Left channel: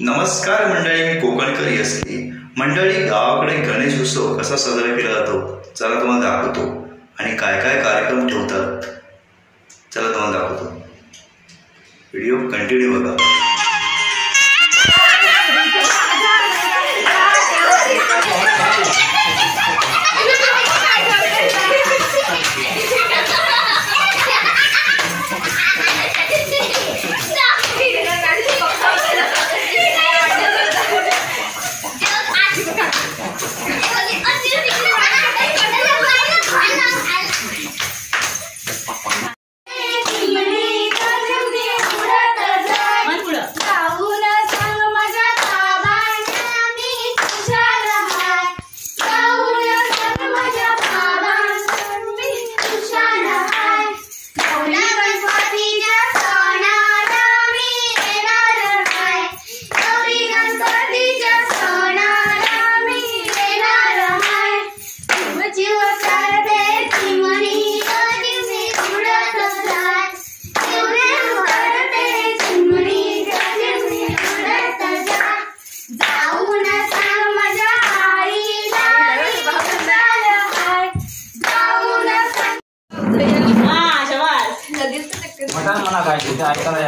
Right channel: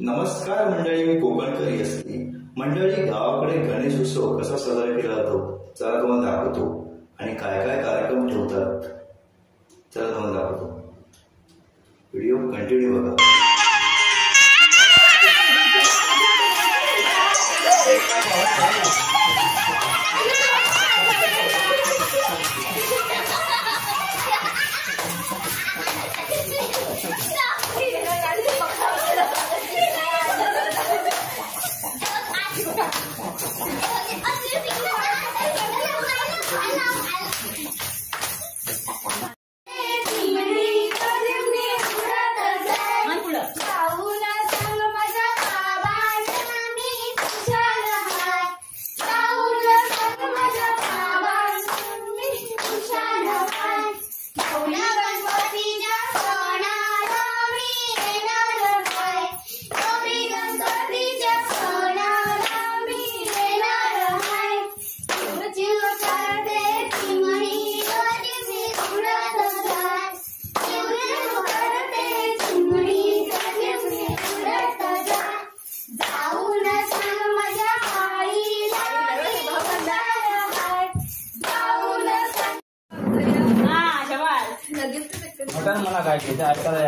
नमस्कार मंडळी, मी कोकणकर असली. मंडळी, गावाकडे गणेश उत्सव कसा साजरा केला जातो चला तुम्हाला दाखवतो. आणि काय काय कार्यक्रम ठेवतात चला तुम्हाला दाखवतो. व्हिडिओ कंटिन्यू बघा. मला काय ऐकायला